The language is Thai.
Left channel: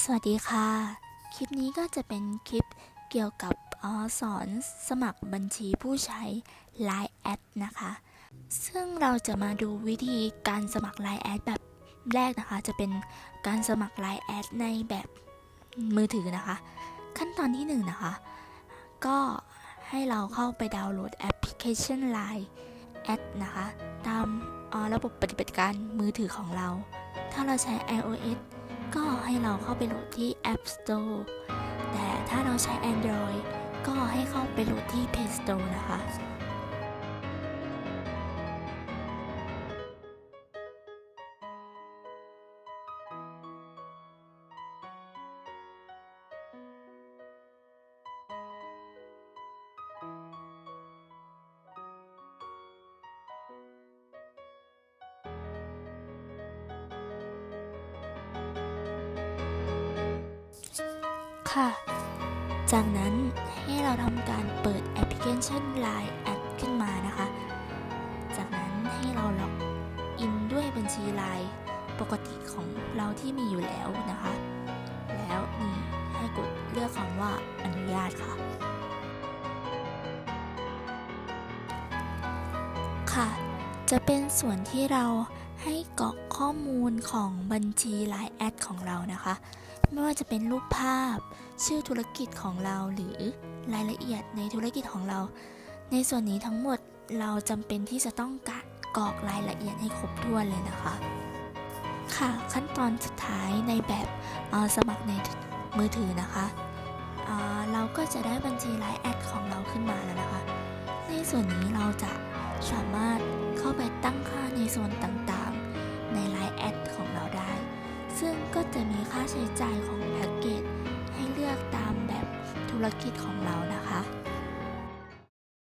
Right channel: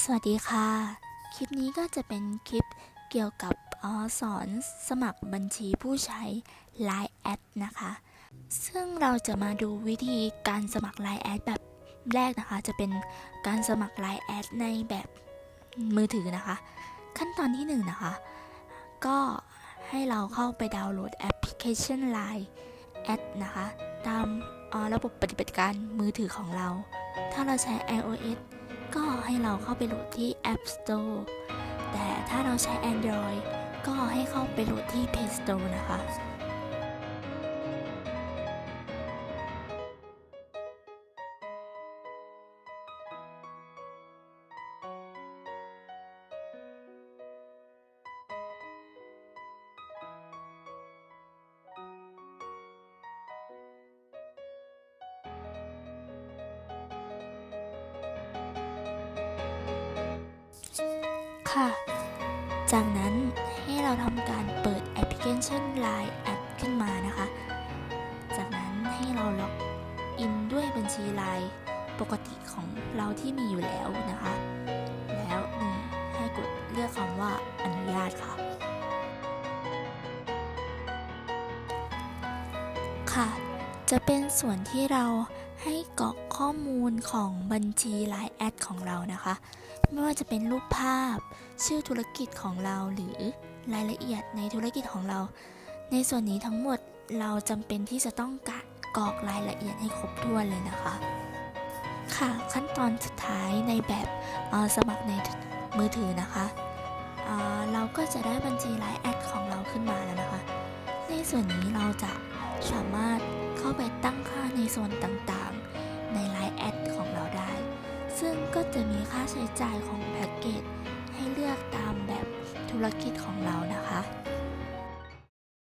สวัสดีค่ะ คลิปนี้ก็จะเป็นคลิปเกี่ยวกับออสอนสมัครบัญชีผู้ใช้ Line แอดนะคะ ซึ่งเราจะมาดูวิธีการสมัคร Line แอดแบบแรกนะคะ จะเป็นการสมัคร Line แอดในแบบมือถือนะคะ ขั้นตอนที่1นงนะคะ ก็ให้เราเข้าไปดาวน์โหลดแอปพลิเคชัน Line แอดนะคะ ตามระบบปฏิบัติการมือถือของเรา ถ้าเราใช้ iOS ก็ให้เราเข้าไปโหลดที่ App Store แต่ถ้าเราใช้ Android ก็ให้เข้าไปโหลดที่ Play Store นะคะ ค่ะ จากนั้นให้เราทำการเปิดแอปพลิเคชัน Line แอดขึ้นมานะคะ จากนั้นให้เราล็อกอินด้วยบัญชี Line ปกติของเราที่มีอยู่แล้วนะคะ แล้วนี่ให้กดเลือกคำว่าอนุญาตค่ะ ค่ะ จะเป็นส่วนที่เราให้กรอก ข้อมูลของบัญชี Line แอดของเรานะคะ ไม่ว่าจะเป็นรูปภาพ ชื่อธุรกิจของเราหรือรายละเอียดในธุรกิจของเรา ในส่วนนี้ทั้งหมดเราจำเป็นที่จะต้องกะกรอกรายละเอียดให้ครบถ้วนเลยนะคะ ค่ะขั้นตอนสุดท้ายในแบบสมัครในมือถือนะคะเเราก็จะได้บัญชีไลน์แอดของเราขึ้นมาแล้วนะคะ ในส่วนนี้เราจะสามารถเข้าไปตั้งค่าในส่วนต่าง ในไลน์แอดของเราได้ ซึ่งก็จะมีค่าใช้จ่ายของแพ็กเกจให้เลือกตามแบบธุรกิจของเรานะคะ